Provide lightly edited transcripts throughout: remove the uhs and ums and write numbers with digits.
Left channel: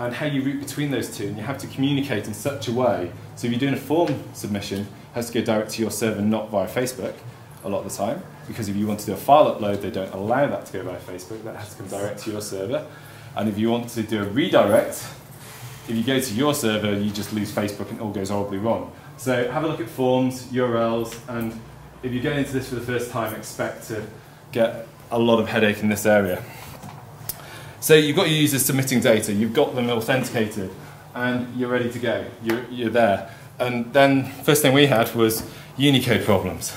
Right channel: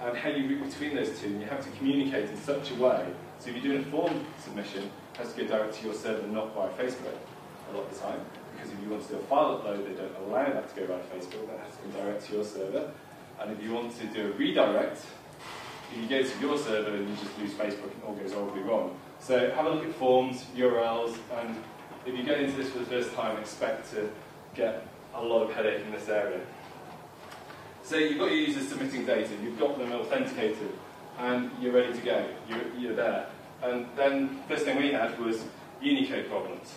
and how you route between those two, and you have to communicate in such a way. So if you're doing a form submission, it has to go direct to your server, not via Facebook a lot of the time, because if you want to do a file upload, they don't allow that to go via Facebook, that has to come direct to your server. And if you want to do a redirect, if you go to your server, you just lose Facebook and it all goes horribly wrong. So have a look at forms, URLs, and if you get into this for the first time, expect to get a lot of headache in this area. So you've got your users submitting data, you've got them authenticated, and you're ready to go, you're there. And then first thing we had was Unicode problems.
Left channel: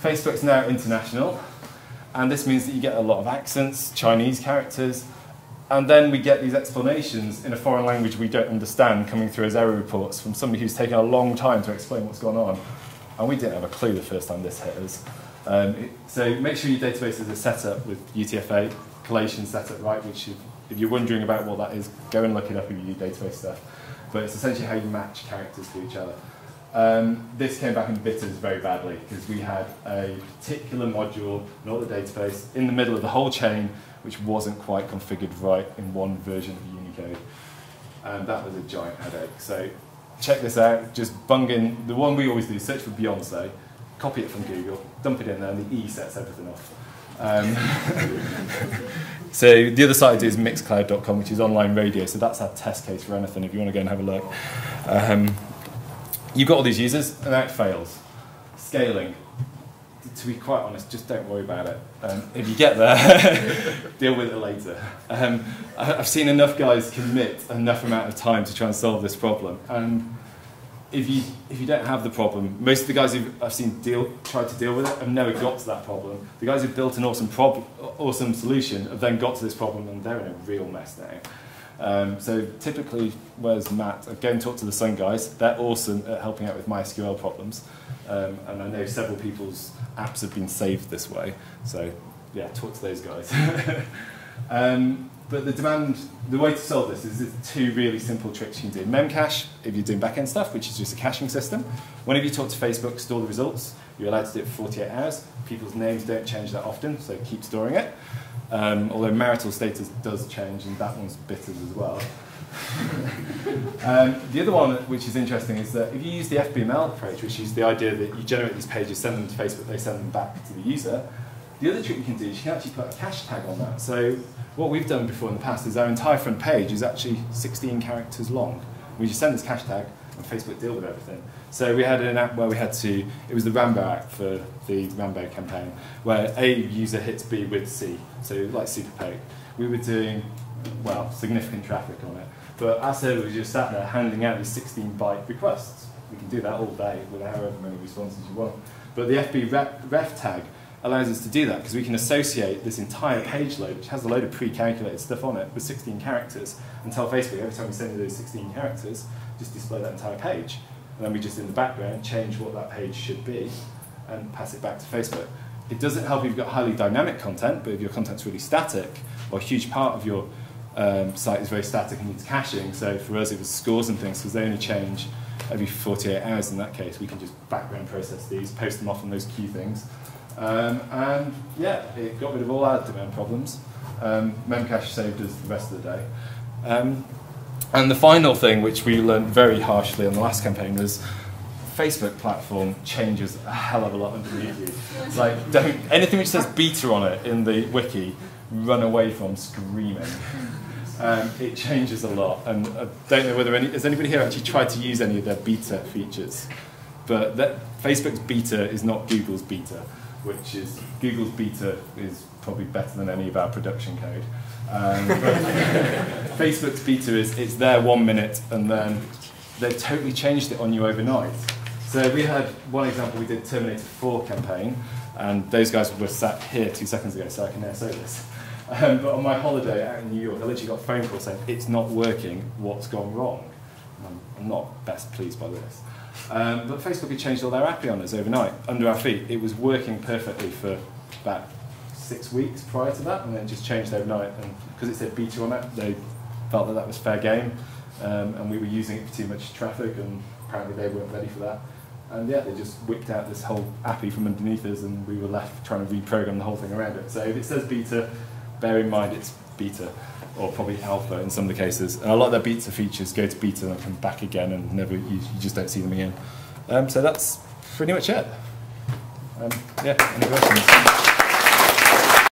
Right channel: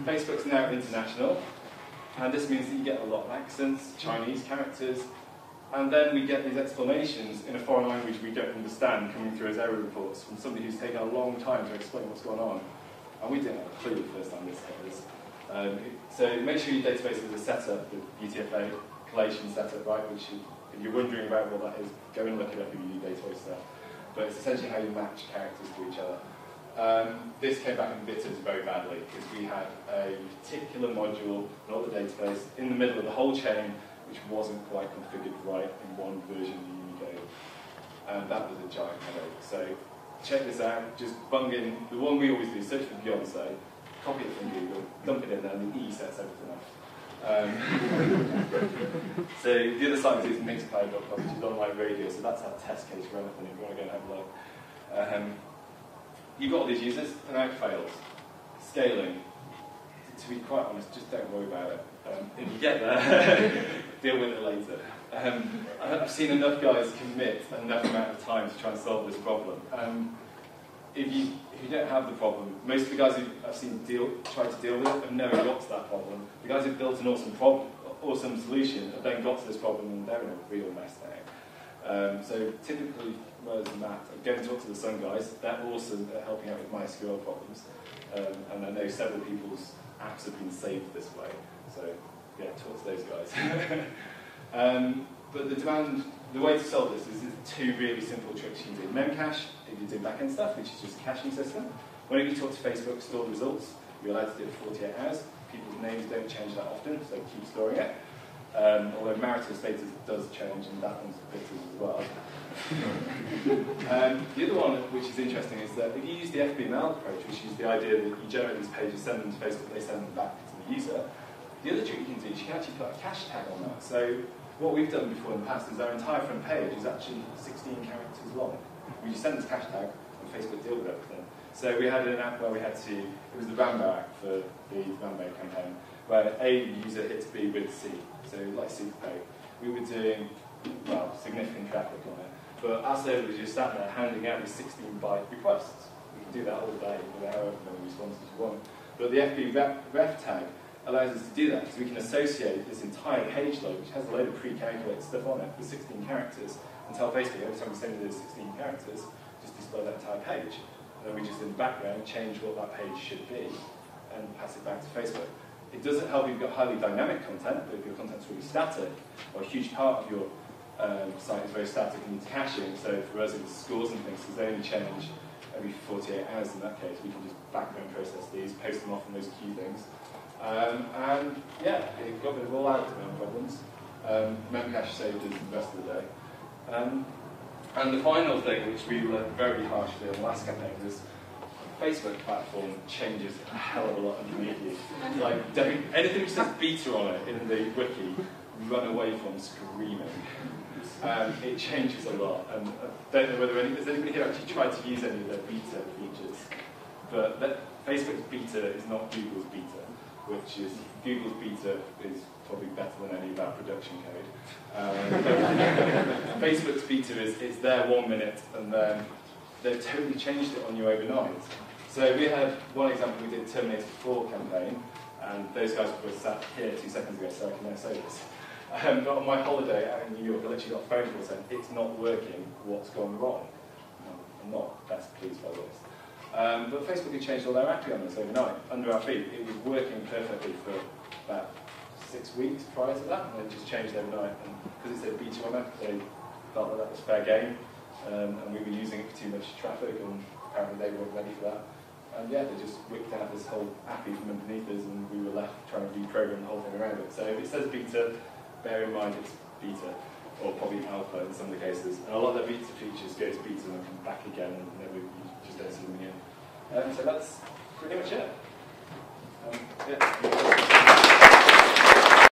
Facebook's now international, and this means that you get a lot of accents, Chinese characters, and then we get these explanations in a foreign language we don't understand coming through as error reports from somebody who's taken a long time to explain what's going on. And we didn't have a clue the first time this hit us. So make sure your databases are set up with UTF-8, collation set up right, which if you're wondering about what that is, go and look it up if you do database stuff. But it's essentially how you match characters to each other. This came back and bit us very badly because we had a particular module, not the database, in the middle of the whole chain, which wasn't quite configured right in one version of Unicode. And that was a giant headache. So check this out, just bung in, the one we always do, search for Beyonce, copy it from Google, dump it in there, and the E sets everything off. So the other site I do is mixcloud.com, which is online radio, so that's our test case for anything if you want to go and have a look. You've got all these users, and now it fails. Scaling. To be quite honest, just don't worry about it. If you get there, deal with it later. I've seen enough guys commit enough amount of time to try and solve this problem. If you don't have the problem, most of the guys I've seen try to deal with it have never got to that problem. The guys who've built an awesome solution have then got to this problem and they're in a real mess now. So typically, where's Matt? Go and talk to the Sun guys. They're awesome at helping out with MySQL problems. And I know several people's apps have been saved this way. So yeah, talk to those guys. But the way to solve this is two really simple tricks you can do. Memcache, if you're doing back-end stuff, which is just a caching system. Whenever you talk to Facebook, store the results. You're allowed to do it for 48 hours. People's names don't change that often, so keep storing it. Although marital status does change, and that one's bitters as well. The other one, which is interesting, is that if you use the FBML approach, which is the idea that you generate these pages, send them to Facebook, they send them back to the user, the other trick you can do is you can actually put a cache tag on that. So what we've done before in the past is our entire front page is actually 16 characters long. We just send this cache tag, and Facebook deal with everything. So we had an app where we had to, it was the Rambo app for the Rambo campaign, where A user hits B with C, so like SuperPay. We were doing, well, significant traffic on it, but our server was just sat there handing out these 16-byte requests. We can do that all day with however many responses you want. But the FB ref tag allows us to do that because we can associate this entire page load, which has a load of pre-calculated stuff on it, with 16 characters, and tell Facebook every time we send you those 16 characters, just display that entire page. And then we just, in the background, change what that page should be and pass it back to Facebook. It doesn't help if you've got highly dynamic content, but if your content's really static, or a huge part of your site is very static and needs caching, so for us it was scores and things, because they only change every 48 hours in that case. We can just background process these, post them off on those key things. And yeah, it got rid of all our domain problems. Memcache saved us the rest of the day. And the final thing, which we learned very harshly in the last campaign, was Facebook platform changes a hell of a lot underneath you. It's like, anything which says beta on it in the wiki, run away from screaming. It changes a lot, and I don't know whether has anybody here actually tried to use any of their beta features. But Facebook's beta is not Google's beta, which is, Google's beta is probably better than any of our production code. Facebook's beta it's there 1 minute, and then they've totally changed it on you overnight. So we had one example, we did Terminator 4 campaign, and those guys were sat here 2 seconds ago, so I can now say this. But on my holiday out in New York, I literally got a phone call saying, it's not working, what's gone wrong? I'm not best pleased by this. But Facebook had changed all their API on us overnight, under our feet. It was working perfectly for about 6 weeks prior to that, and then it just changed overnight. And because it said beta on it, they felt that that was fair game, and we were using it for too much traffic, and apparently they weren't ready for that. And yeah, they just whipped out this whole API from underneath us, and we were left trying to reprogram the whole thing around it. So if it says beta, bear in mind it's beta. or probably alpha in some of the cases. And a lot of their beta features go to beta and come back again, and never you just don't see them again. So that's pretty much it. Yeah, any questions?